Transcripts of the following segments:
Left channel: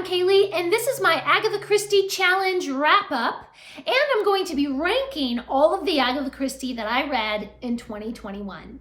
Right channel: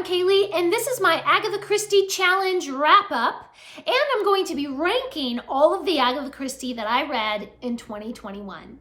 I'm Kaylee, and this is my Agatha Christie Challenge wrap-up, and I'm going to be ranking all of the Agatha Christie that I read in 2021.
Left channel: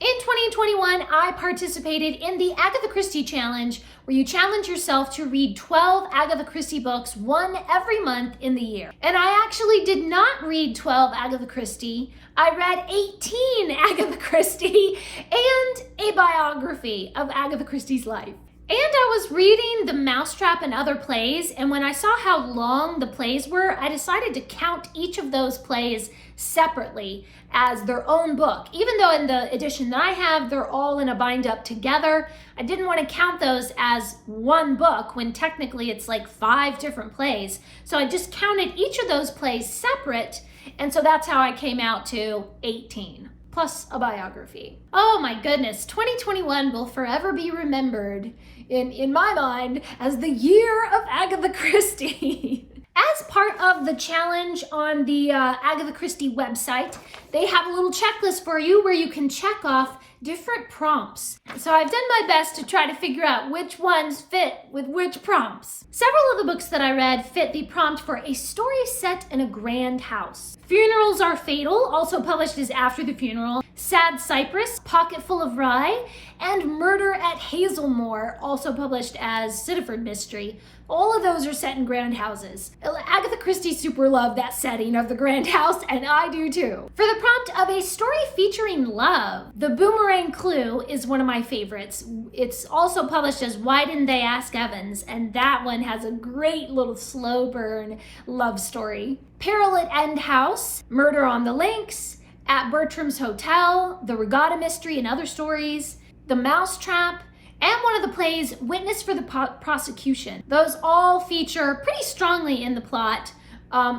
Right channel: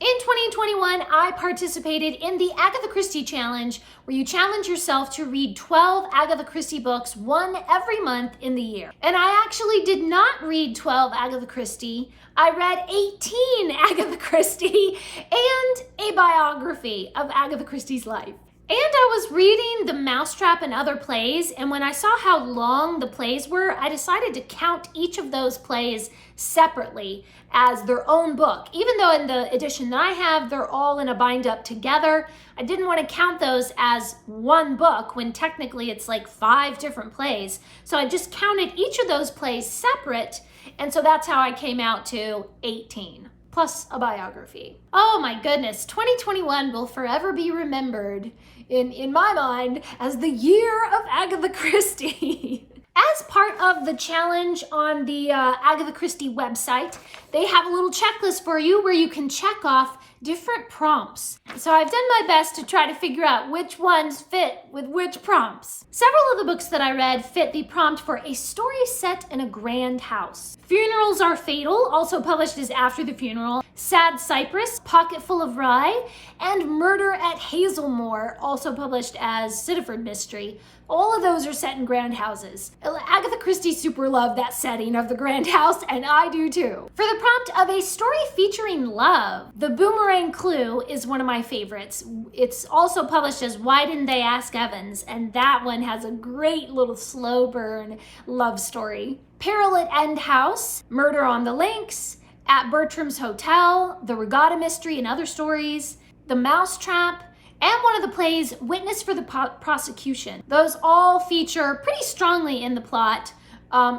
In 2021, I participated in the Agatha Christie Challenge, where you challenge yourself to read 12 Agatha Christie books, one every month in the year. And I actually did not read 12 Agatha Christie. I read 18 Agatha Christie and a biography of Agatha Christie's life. And I was reading The Mousetrap and other plays, and when I saw how long the plays were, I decided to count each of those plays separately as their own book. Even though in the edition that I have, they're all in a bind up together, I didn't want to count those as one book when technically it's like 5 different plays. So I just counted each of those plays separate, and so that's how I came out to 18, plus a biography. Oh my goodness, 2021 will forever be remembered in my mind as the year of Agatha Christie. As part of the challenge on the Agatha Christie website, they have a little checklist for you where you can check off different prompts. So I've done my best to try to figure out which ones fit with which prompts. Several of the books that I read fit the prompt for a story set in a grand house. Funerals Are Fatal, also published as After the Funeral, Sad Cypress, Pocketful of Rye, and Murder at Hazelmoor, also published as Sittaford Mystery. All of those are set in grand houses. Agatha Christie super loved that setting of the grand house, and I do too. For the prompt of a story featuring love, The Boomerang Clue is one of my favorites. It's also published as Why Didn't They Ask Evans, and that one has a great little slow burn love story. Peril at End House, Murder on the Links, At Bertram's Hotel, The Regatta Mystery and Other Stories, The Mousetrap, and one of the plays, Witness for the Prosecution. Those all feature pretty strongly in the plot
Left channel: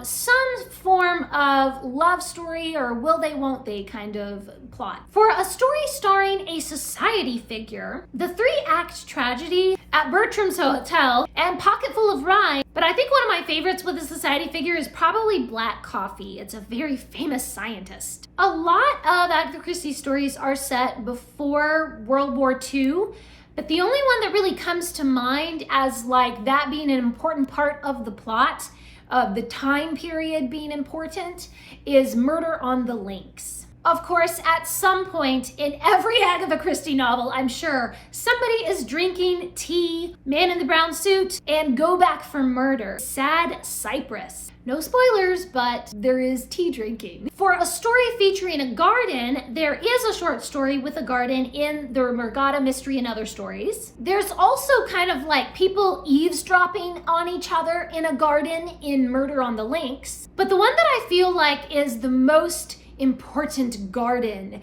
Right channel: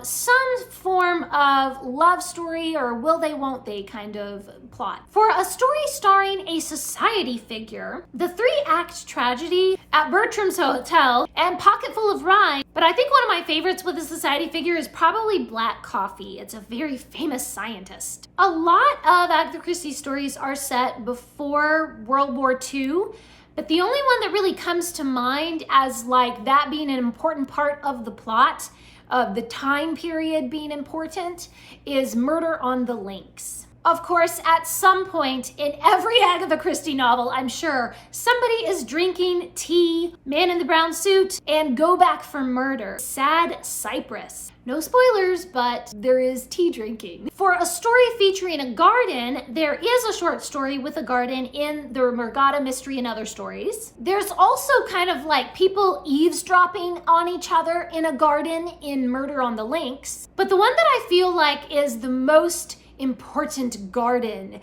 some form of love story or will they, won't they kind of plot. For a story starring a society figure, the 3-act tragedy, At Bertram's Hotel, and Pocketful of Rye, but I think one of my favorites with a society figure is probably Black Coffee. It's a very famous scientist. A lot of Agatha Christie stories are set before World War II, but the only one that really comes to mind as like that being an important part of the plot, of the time period being important, is Murder on the Links. Of course, at some point in every Agatha Christie novel, I'm sure, somebody is drinking tea, Man in the Brown Suit, and Go Back for Murder, Sad Cypress. No spoilers, but there is tea drinking. For a story featuring a garden, there is a short story with a garden in the Regatta Mystery and Other Stories. There's also kind of like people eavesdropping on each other in a garden in Murder on the Links. But the one that I feel like is the most important garden,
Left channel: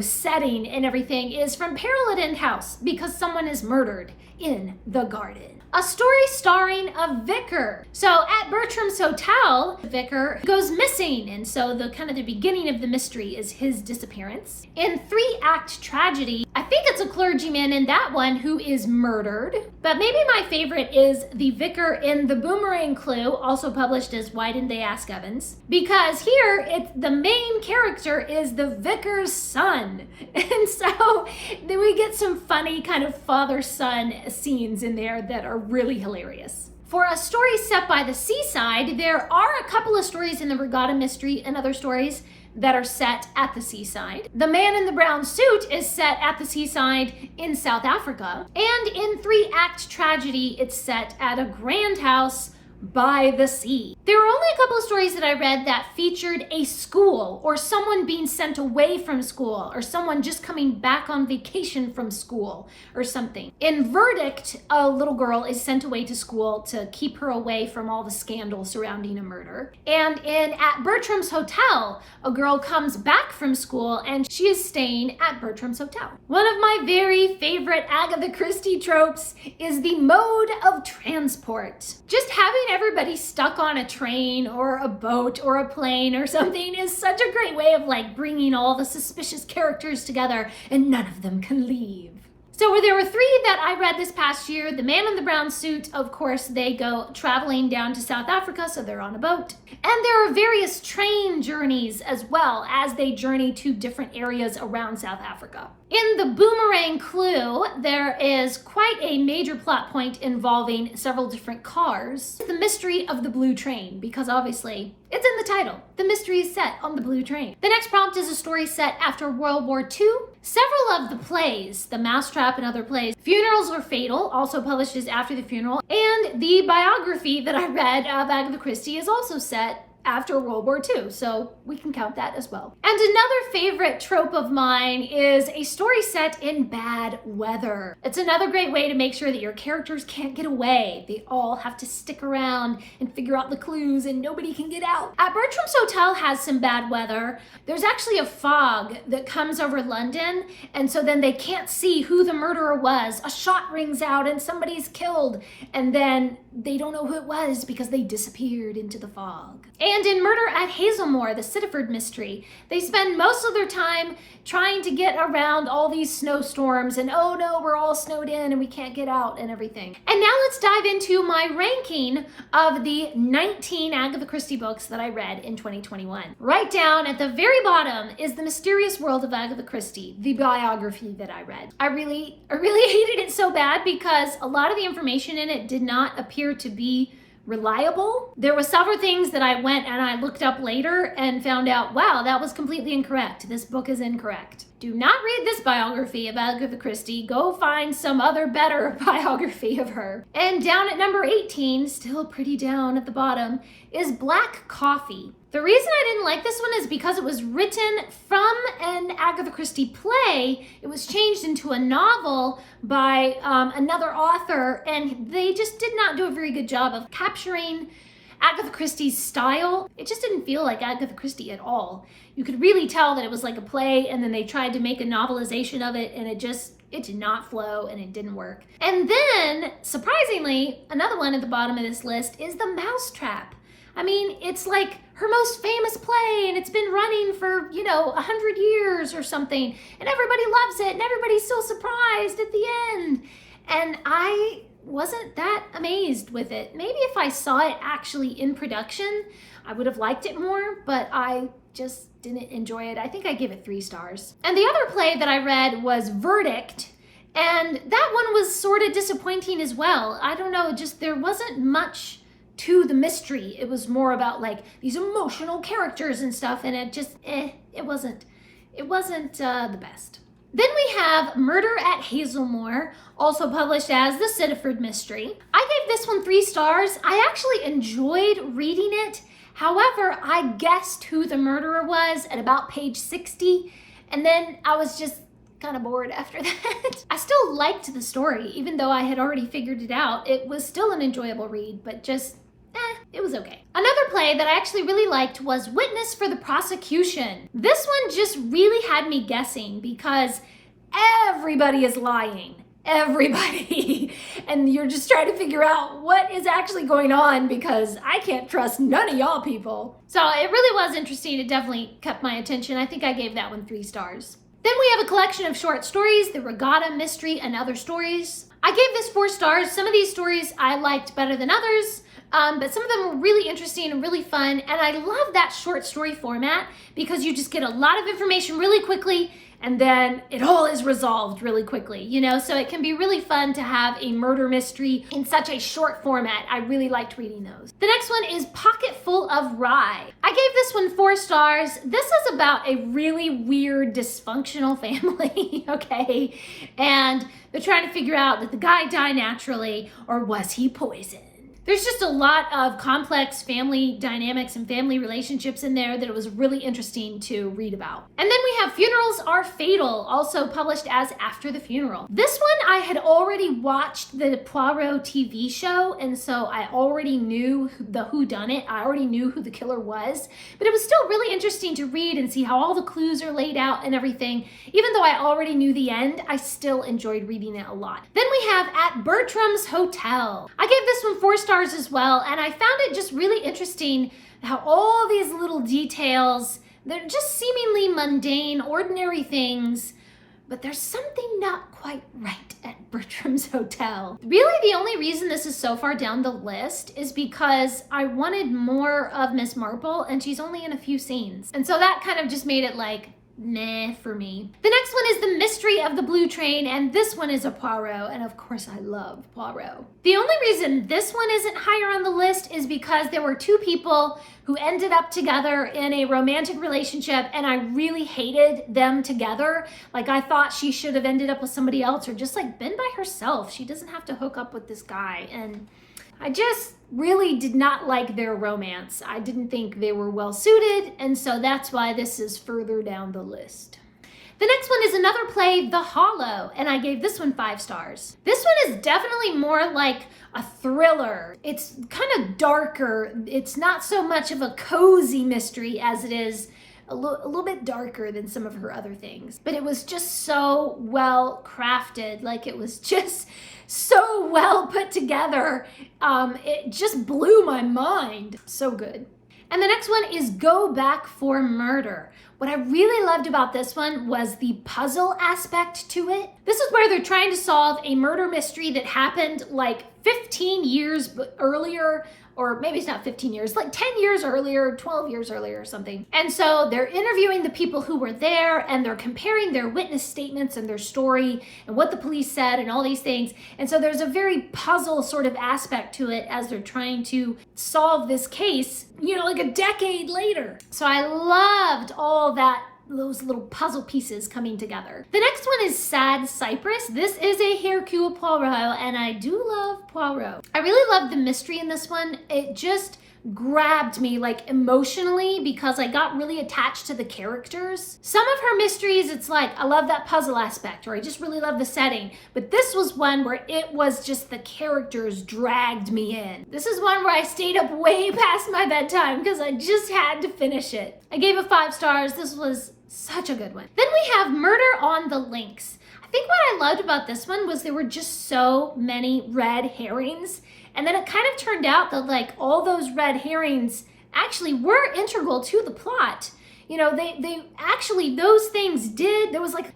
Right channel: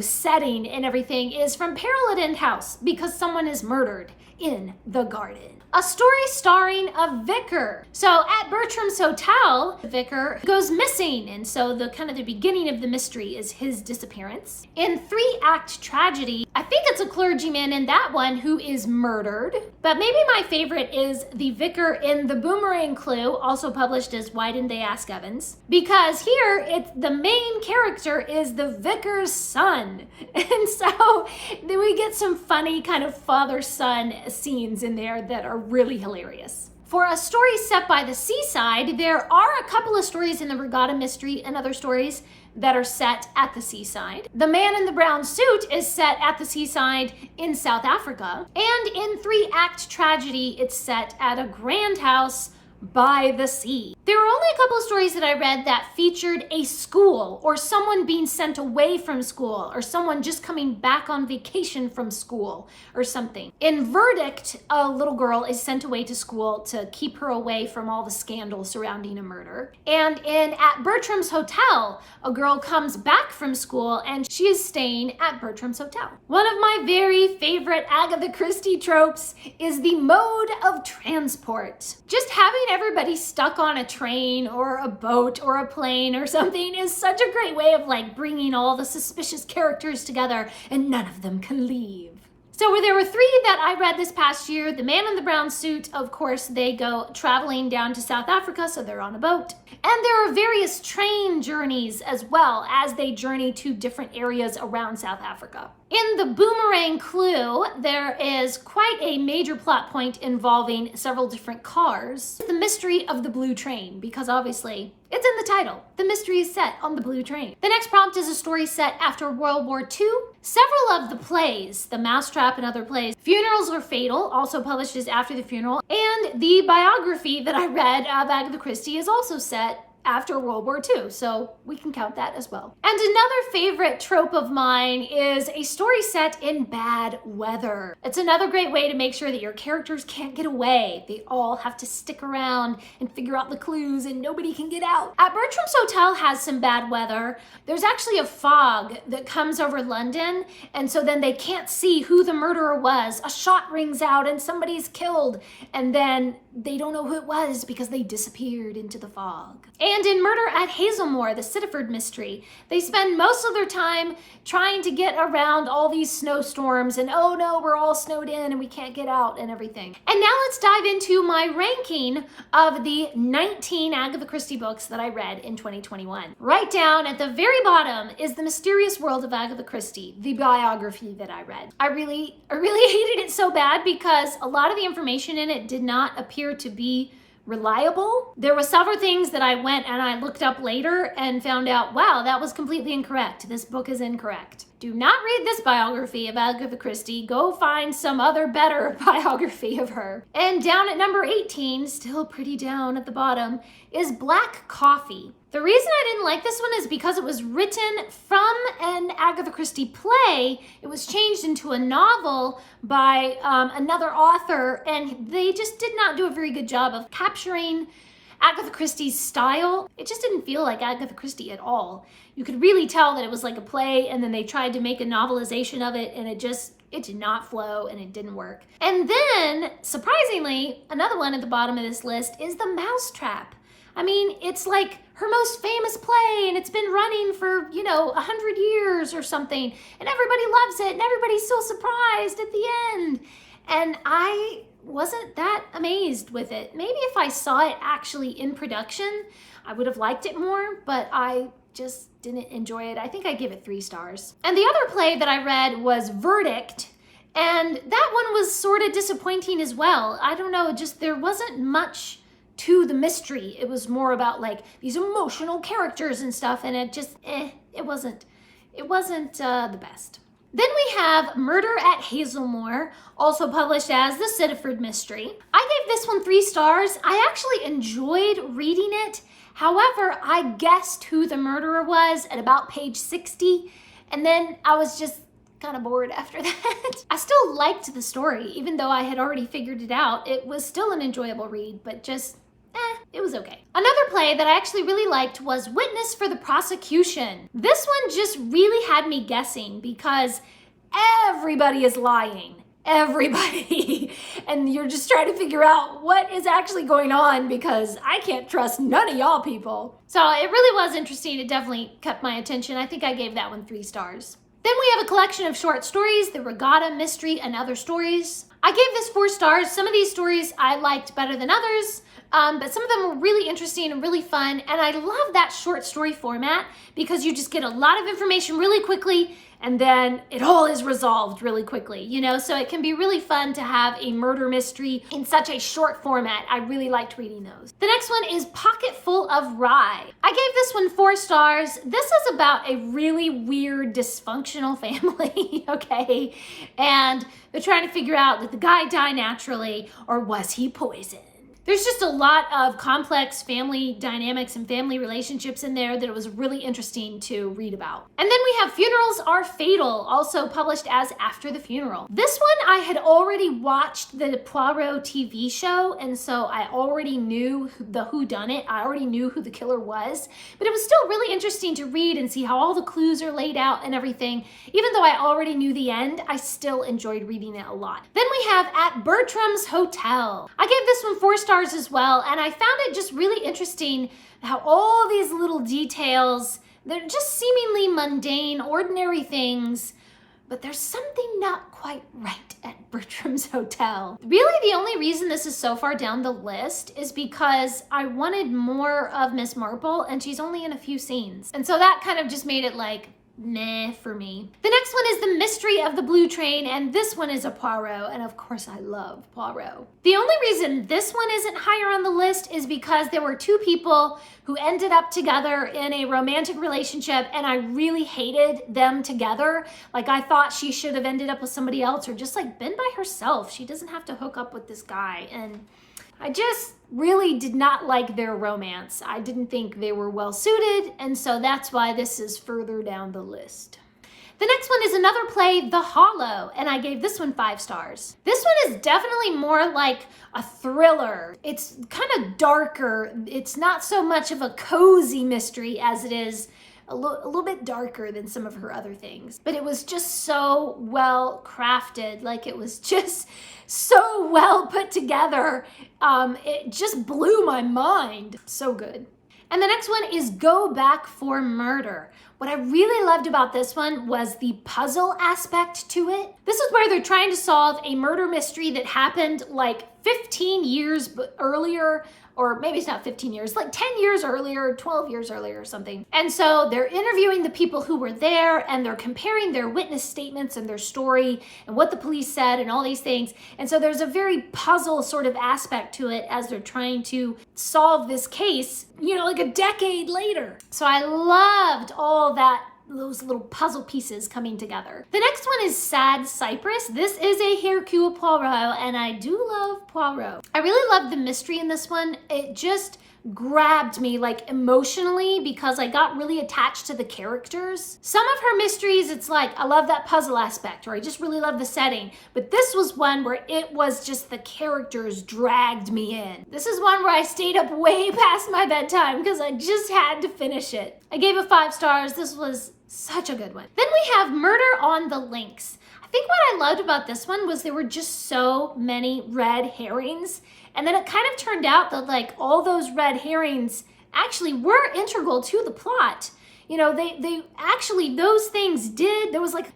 setting and everything is from Peril at End House, because someone is murdered in the garden. A story starring a vicar. So at Bertram's Hotel, the vicar goes missing, and so the beginning of the mystery is his disappearance. In 3-act tragedy, I think it's a clergyman in that one who is murdered, but maybe my favorite is the vicar in The Boomerang Clue, also published as Why Didn't They Ask Evans, because here the main character is the vicar's son, and so then we get some funny kind of father-son scenes in there that are really hilarious. For a story set by the seaside, there are a couple of stories in the Regatta Mystery and Other Stories that are set at the seaside. The Man in the Brown Suit is set at the seaside in South Africa. And in 3-act tragedy, it's set at a grand house by the sea. There were only a couple of stories that I read that featured a school or someone being sent away from school or someone just coming back on vacation from school or something. In Verdict, a little girl is sent away to school to keep her away from all the scandal surrounding a murder. And in At Bertram's Hotel, a girl comes back from school and she is staying at Bertram's Hotel. One of my very favorite Agatha Christie tropes is the mode of transport. Just having everybody stuck on a train or a boat or a plane or something is such a great way of bringing all the suspicious characters together and none of them can leave. So there were three that I read this past year. The Man in the Brown Suit, of course, they go traveling down to South Africa, so they're on a boat. And there are various train journeys as well as they journey to different areas around South Africa. In The Boomerang Clue, there is quite a major plot point involving several different cars. The mystery of the blue train, because obviously it's in the title. The mystery is set on the blue train. The next prompt is a story set after World War II. Several of the plays, The Mousetrap and other plays, Funerals Are Fatal, also published as After the Funeral, and the biography that I read of Agatha Christie is also set after World War II, so we can count that as well. And another favorite trope of mine is a story set in bad weather. It's another great way to make sure that your characters can't get away. They all have to stick around and figure out the clues and nobody can get out. At Bertram's Hotel has some bad weather. There's actually a fog that comes over London, and so then they can't see who the murderer was. A shot rings out and somebody's killed, and then they don't know who it was because they disappeared into the fog. And in Murder at Hazelmoor, the Sitterford mystery, they spend most of their time trying to get around all these snowstorms and oh no, we're all snowed in and we can't get out and everything. And now let's dive into my ranking of the 19 Agatha Christie books that I read in 2021. Right down at the very bottom is The Mysterious World of Agatha Christie, the biography that I read. I really hated it so bad because a lot of the information in it did not appear to be reliable. There were several things that I went and I looked up later and found out, wow, that was completely incorrect. This book is incorrect. Do not read this biography of Agatha Christie. Go find some other better biography of her. And down at number 18, still pretty down at the bottom, is Black Coffee. The reason I didn't like this one is because it was written from an Agatha Christie play. It was changed into a novel by another author, and they just did not do a very good job of capturing Agatha Christie's style. It just didn't feel like Agatha Christie at all. You could really tell that it was like a play, and then they tried to make a novelization of it, and it did not flow, and it didn't work. And then, surprisingly, another one at the bottom of this list is The Mousetrap. I mean, it's like her most famous play, and it's been running for, 100 years or something, and everybody loves it, and everybody's so surprised at the end. And I wasn't that amazed with it. Maybe if I saw it actually in production, I would have liked it more, but I just didn't enjoy it. I think I give it 3 stars. And the other play that I read was Verdict, and that one was sort of disappointing as well. I don't know, there wasn't much to the mystery. It was more about like these emotional characters and stuff, and it just, it wasn't the best. Then we have Murder at Hazelmoor, also published as The Sitterford Mystery. I gave this one 3 stars. I actually enjoyed reading it. However, I guessed who the murderer was at about page 60, and then I was just kind of bored after that. I still liked the story, even though I had already figured it out. It was still an enjoyable read, but just, it was okay. Another play that I actually really liked was Witness for the Prosecution. This one just really had me guessing because everybody is lying. Everybody. And you're just trying to figure out what is actually going on because I can't trust none of y'all people. So it really was interesting. It definitely kept my attention. I think I gave that one 3 stars. Then we have a collection of short stories, The Regatta Mystery and Other Stories. I gave this 4 stars. Some of these stories I liked better than others, but some of them were really interesting and really fun. And I love that short story format because you just get a lot of information really quickly and then it all is resolved really quickly, so it can be really fun to have a murder mystery in such a short format. I really liked reading those. The next one is Pocketful of Rye. I gave this one 4 stars. This is about a really weird dysfunctional family, okay? And they're trying to figure out, did the guy die naturally or was he poisoned? There's just a lot of complex family dynamics and family relationships in there that it was really interesting to read about. And then we have Funerals Are Fatal, also published as After the Funeral. This one I had already watched the Poirot TV show, and so I already knew the whodunit. I already knew who the killer was, but it was still really interesting to read and see how all the clues are laid out and everything. Even though I already knew the end, I still enjoyed reading it a lot. Then we have At Bertram's Hotel. I gave this one 4 stars as well, and I found it just really interesting how all these little details, they're just seemingly mundane, ordinary things, but there's something not quite right Bertram's Hotel. Really, the only reason this is so far down the list is because I wanted more of Miss Marple, and she's only in a few scenes. And so that kind of just made it like, nah for me. The next one is The Mystery of the Blue Train, and this one is a Poirot, and of course I love Poirot. The only reason this one isn't higher on the list is because there were two people who ended up together in a romantic relationship, and I really hated them together. Like, I thought she should have ended up with somebody else or just like been by herself. She doesn't have to hook up with this guy, and I just really did not like their romance. I didn't think they were well suited, and so that's why this is further down the list. The next one is another play, The Hollow, and I gave this one 5 stars. This one is definitely more like a thriller. It's kind of darker. It's not so much of a cozy mystery as it is a little bit darker than some of her other things. But it was just so well crafted. Like, it was just so well put together. It just blew my mind. So good. And the next one is Go Back for Murder. What I really loved about this one was the puzzle aspect to it. This is where they're trying to solve a murder mystery that happened like 15 years earlier, or maybe it's not 15 years, like 10 years earlier, 12 years earlier or something. And so they're interviewing the people who were there, and they're comparing their witness statements and their story and what the police said and all these things. And so there's a very puzzle sort of aspect to it as they're trying to solve this case, you know, like a decade later. So I loved all that, those little puzzle pieces coming together. The next one is Sad Cypress. This is a Hercule Poirot, and I do love Poirot. I really loved the mystery in this one. It just grabbed me like emotionally because I got really attached to the characters. Some of her mysteries, it's like, I love that puzzle aspect, or I just really love the setting. But this was one where it was just the characters dragged me in. This is one where I stayed up way past my bedtime because I just had to finish it. I gave it 5 stars. This was such a good one. Then we have Murder on the Links. I think what I loved about this one was there were just so many red herrings. And then it kind of turned out that like all those red herrings actually were integral to the plot. You know, they actually, those things did, there was like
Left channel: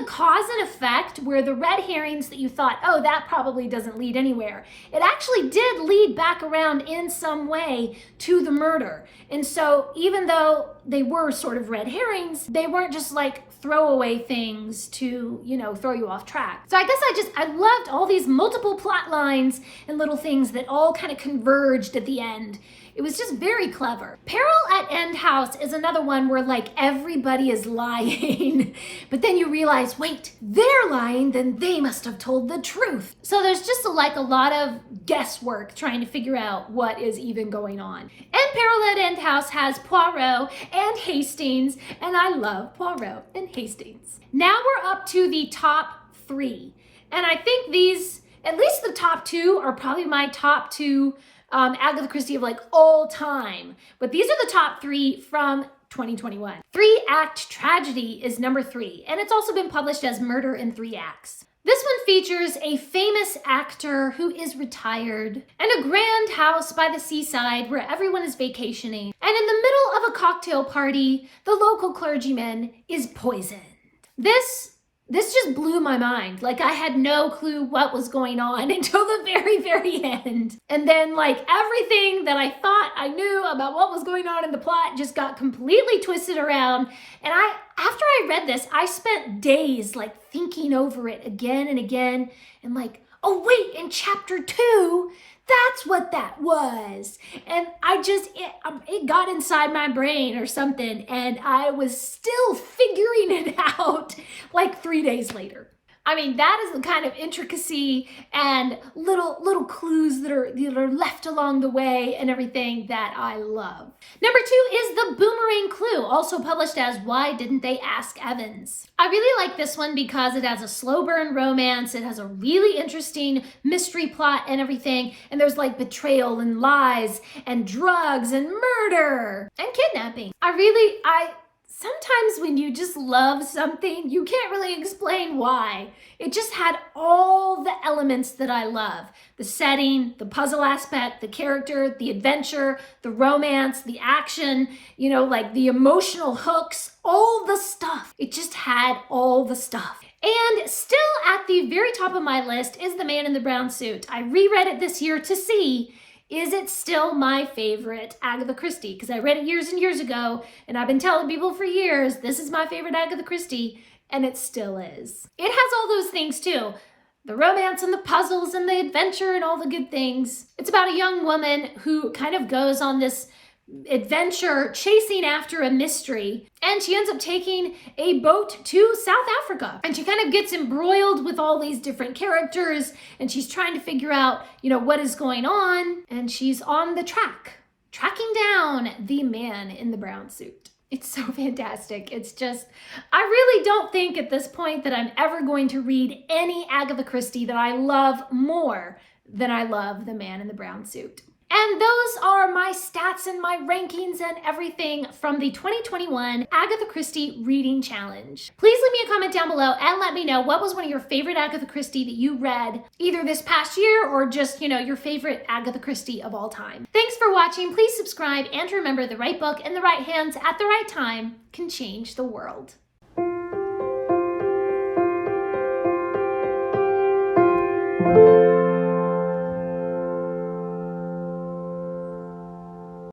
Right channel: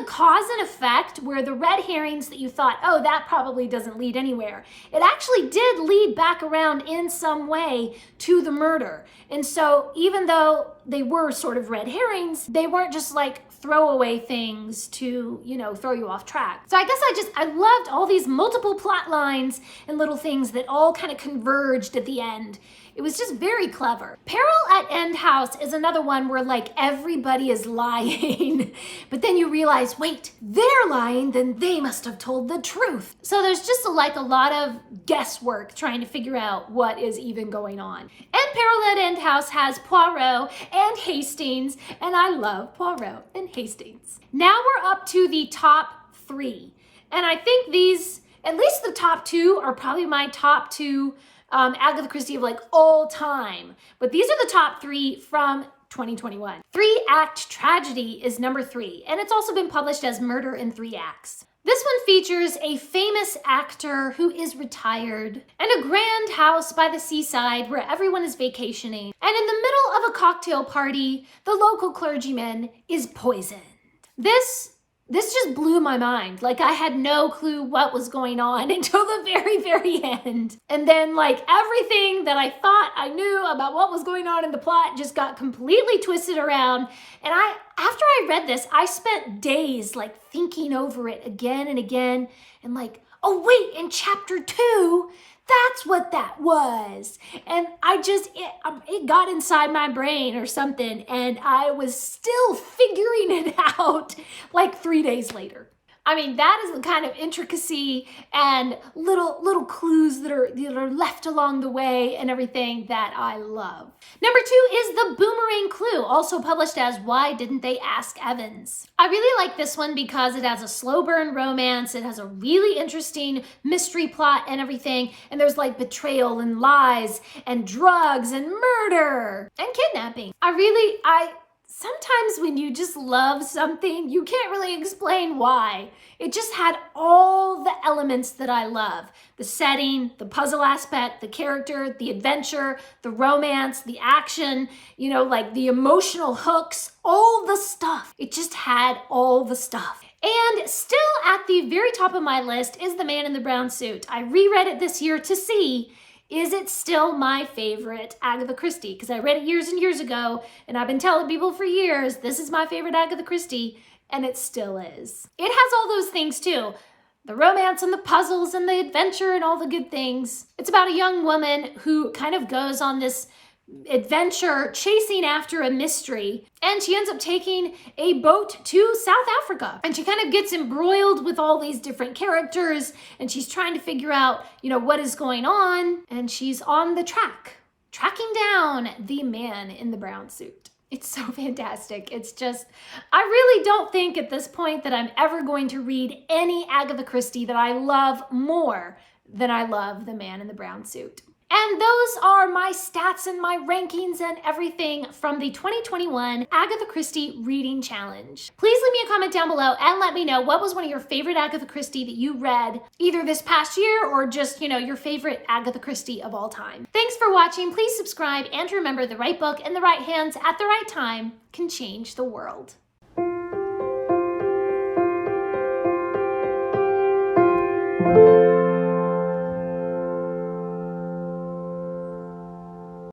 a cause and effect where the red herrings that you thought, oh, that probably doesn't lead anywhere. It actually did lead back around in some way to the murder. And so even though they were sort of red herrings, they weren't just like throwaway things to, you know, throw you off track. So I guess I loved all these multiple plot lines and little things that all kind of converged at the end. It was just very clever. Peril at End House is another one where like everybody is lying, but then you realize, wait, they're lying, then they must have told the truth. So there's just like a lot of guesswork trying to figure out what is even going on. And Peril at End House has Poirot and Hastings, and I love Poirot and Hastings. Now we're up to the top 3. And I think these, at least the top 2, are probably my top 2 Agatha Christie of like all time. But these are the top 3 from 2021. 3-Act Tragedy is number 3, and it's also been published as Murder in 3 Acts. This one features a famous actor who is retired and a grand house by the seaside where everyone is vacationing. And in the middle of a cocktail party, the local clergyman is poisoned. This just blew my mind. Like, I had no clue what was going on until the very, very end. And then like everything that I thought I knew about what was going on in the plot just got completely twisted around. And after I read this, I spent days like thinking over it again and again and like, oh wait, in chapter 2, that's what that was. And it got inside my brain or something, and I was still figuring it out like 3 days later. I mean, that is the kind of intricacy and little clues that are left along the way and everything that I love. Number 2 is The Boomerang Clue, also published as Why Didn't They Ask Evans? I really like this one because it has a slow burn romance, it has a really interesting mystery plot and everything, and there's like betrayal and lies and drugs and murder and kidnapping. Sometimes when you just love something, you can't really explain why. It just had all the elements that I love. The setting, the puzzle aspect, the character, the adventure, the romance, the action, you know, like the emotional hooks, all the stuff. It just had all the stuff. And still at the the very top of my list is The Man in the Brown Suit. I reread it this year to see, is it still my favorite Agatha Christie? Because I read it years and years ago, and I've been telling people for years, this is my favorite Agatha Christie, and it still is. It has all those things too. The romance and the puzzles and the adventure and all the good things. It's about a young woman who kind of goes on this adventure chasing after a mystery, and she ends up taking a boat to South Africa, and she kind of gets embroiled with all these different characters, and she's trying to figure out, what is going on, and she's on the tracking down the man in the brown suit. It's so fantastic. It's just, I really don't think at this point that I'm ever going to read any Agatha Christie that I love more than I love The Man in the Brown Suit. And those are my stats and my rankings and everything from the 2021 Agatha Christie Reading Challenge. Please leave me a comment down below and let me know what was one of your favorite Agatha Christie that you read either this past year or just, your favorite Agatha Christie of all time. Thanks for watching. Please subscribe and remember the right book in the right hands at the right time can change the world.